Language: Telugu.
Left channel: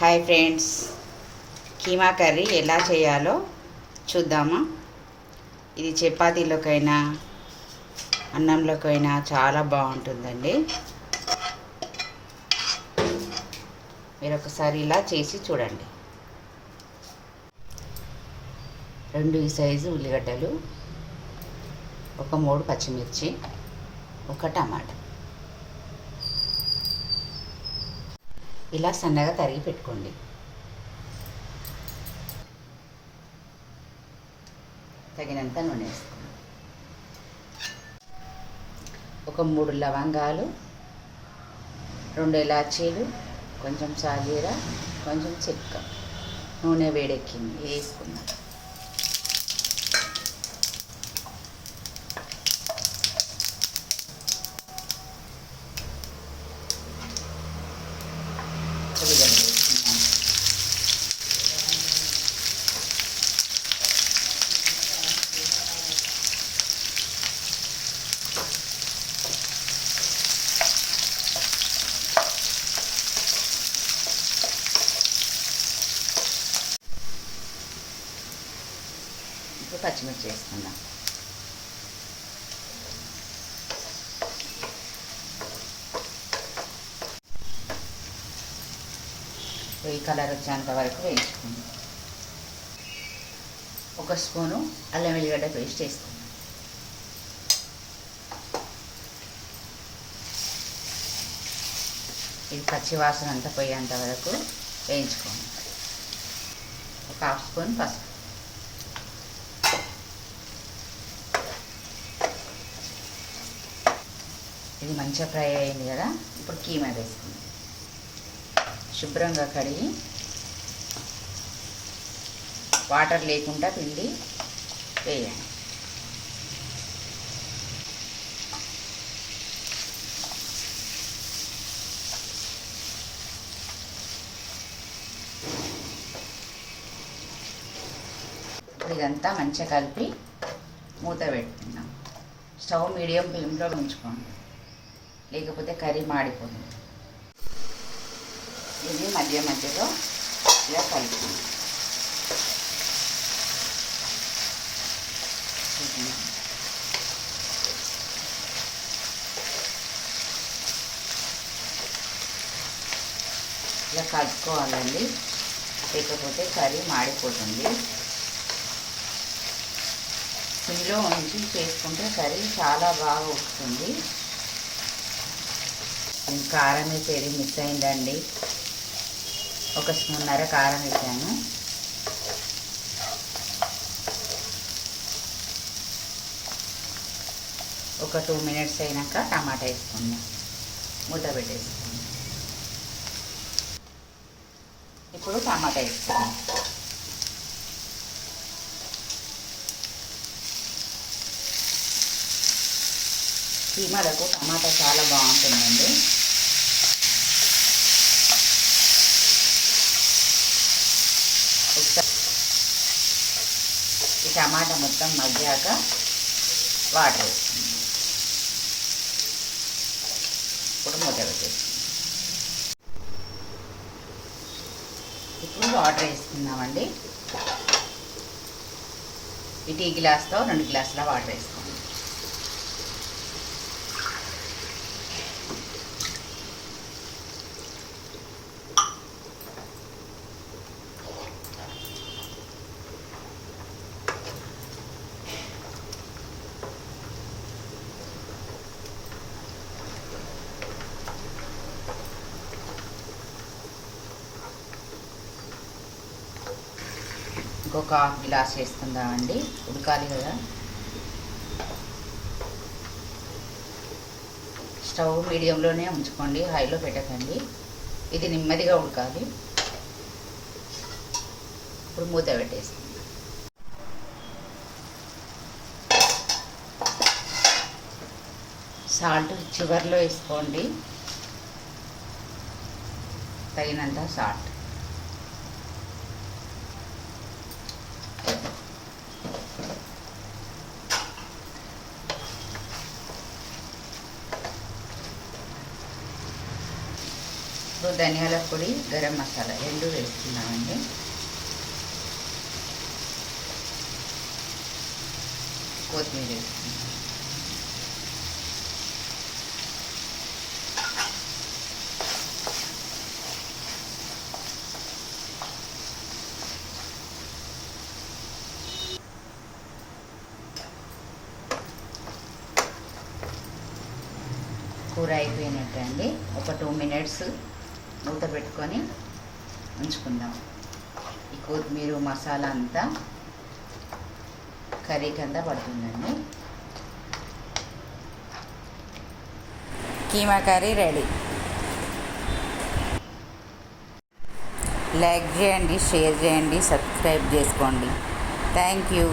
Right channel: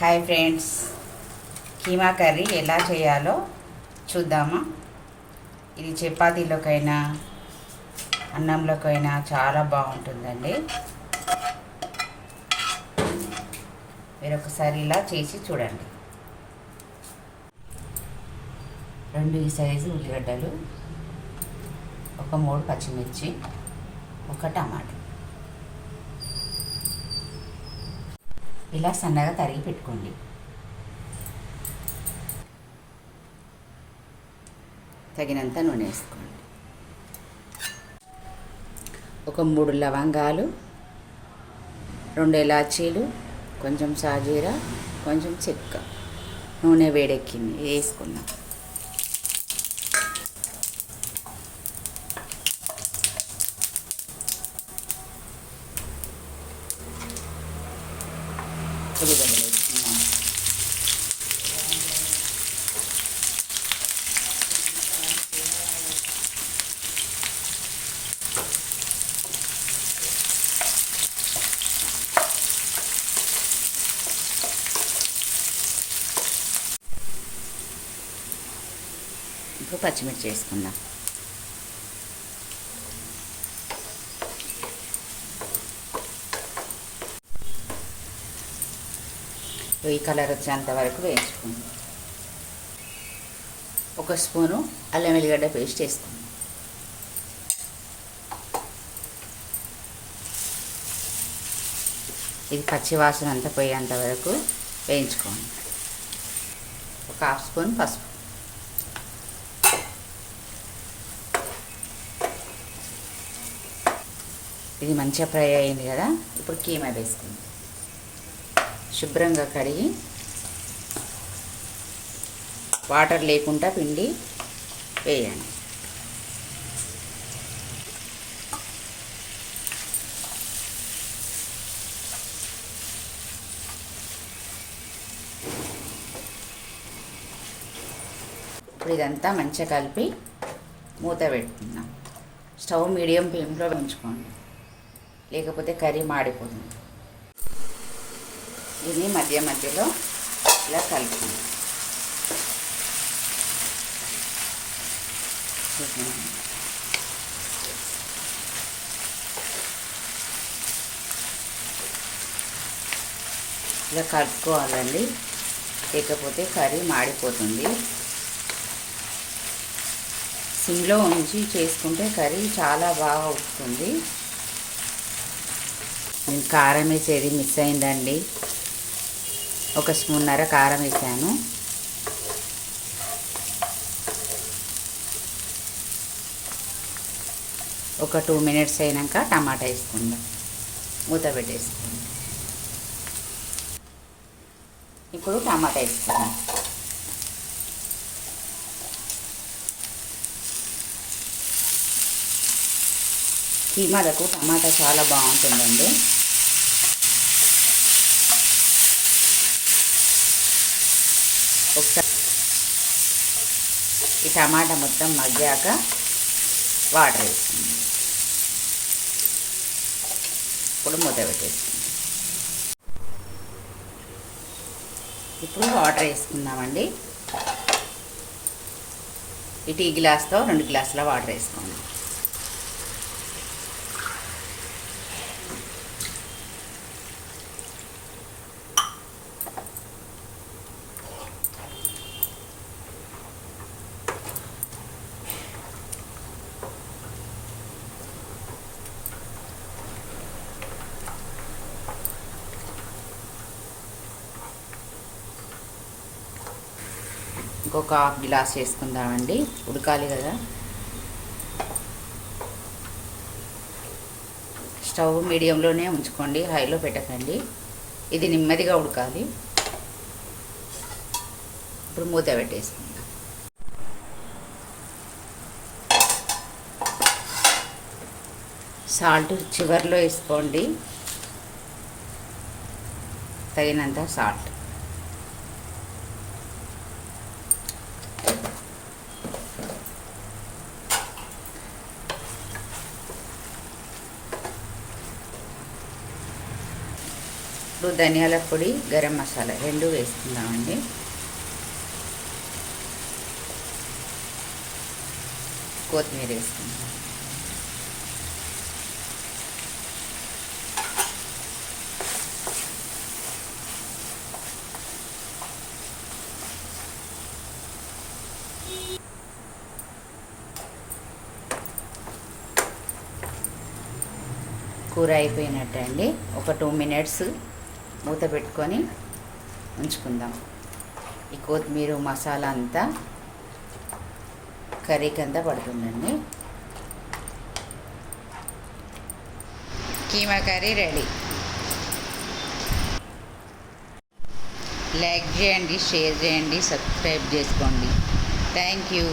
హాయ్ ఫ్రెండ్స్, కీమా కర్రీ ఎలా చేయాలో చూద్దామా. ఇది చపాతీలోకైనా అన్నంలోకైనా చాలా బాగుంటుందండి. మీరు ఒకసారి ఇలా చేసి చూడండి. 2 ఈ సైజు ఉల్లిగడ్డలు, ఒక 3 పచ్చిమిర్చి, ఒక టమాటా ఇలా సన్నగా తరిగి పెట్టుకోండి. తగినంత నూనె వేసుకోండి. ఒక 3 లవంగాలు, 2 ఇలాచీలు, కొంచెం సాజీరా, కొంచెం చెక్క. నూనె వేడెక్కింది, వేసుకున్నాం. ఇప్పుడు పచ్చిమిర్చి వేసుకుందాం. ఈ కలర్ వచ్చేంత వరకు వేయించుకుందాం. 1 స్పూను అల్లం వెల్లిగడ్డ పేస్ట్ వేసుకుందాం. ఇది పచ్చి వాసన అంతా పోయేంత వరకు వేయించుకోండి. 1/2 స్పూన్ పసుపు, ఇది మంచిగా ఫ్రై అయింది కదా. ఇప్పుడు కీమా వేసుకుందాం. శుభ్రంగా కడిగి వాటర్ లేకుండా పిండి వేయండి. ఇప్పుడు ఇదంతా మంచిగా కలిపి మూత పెట్టుకుందాం. స్టవ్ మీడియం ఫ్లేమ్లో ఉంచుకోండి, లేకపోతే కర్రీ మాడిపోతుంది. ఇది మధ్య మధ్యలో ఇలా కలుపుకుందాం. ఇలా కలుపుకోవాలండి, లేకపోతే కర్రీ మాడిపోతుంది. సిమ్లో ఉంచి చేసుకుంటే కర్రీ చాలా బాగా వస్తుంది. నేను కారం వేసేది మిస్ అయిందండి. 1 స్పూన్నర కారం వేసాను. ఒక 2 మినిట్స్ అయినాక టమాటా వేసుకుందాం. మూత పెట్టేసుకుందాం. ఇప్పుడు టమాటా వేసుకుందాం. కీమాలకు టమాటా చాలా బాగుంటుందండి. ఒకసారి ఈ టమాటా మొత్తం మగ్గాక వాటర్ వేసుకుందాం. ఇప్పుడు మూత పెట్టేసుకుందాం. ఇప్పుడు వాటర్ వేసుకుందామండి. ఈ టీ గ్లాస్తో 2 గ్లాసుల వాటర్ వేసుకుందాం. ఇంకొక 1/2 గ్లాస్ వేసుకుందామండి, ఉడకాలి కదా. స్టవ్ మీడియంలోనే ఉంచుకోండి, హైలో పెట్టకండి. ఇది నెమ్మదిగా ఉడకాలి. ఇప్పుడు మూత పెట్టేసుకుందాం. సాల్ట్ చివర్లో వేసుకోండి, తగినంత సాల్ట్. ఇప్పుడు ధనియాల పొడి, గరం మసాలా రెండు వేసుకున్నామండి. కొత్తిమీర వేసుకున్నాం. కూర అయిపోయినట్టండి. ఒక 2 మినిట్స్ మూత పెట్టుకొని ఉంచుకుందాం. ఈ కొత్తిమీర మసాలా అంతా కర్రీకి అంతా పడుతుందండి. Keema curry ready. లైక్ చేయండి, షేర్ చేయండి, సబ్స్క్రైబ్ చేసుకోండి. Thank you.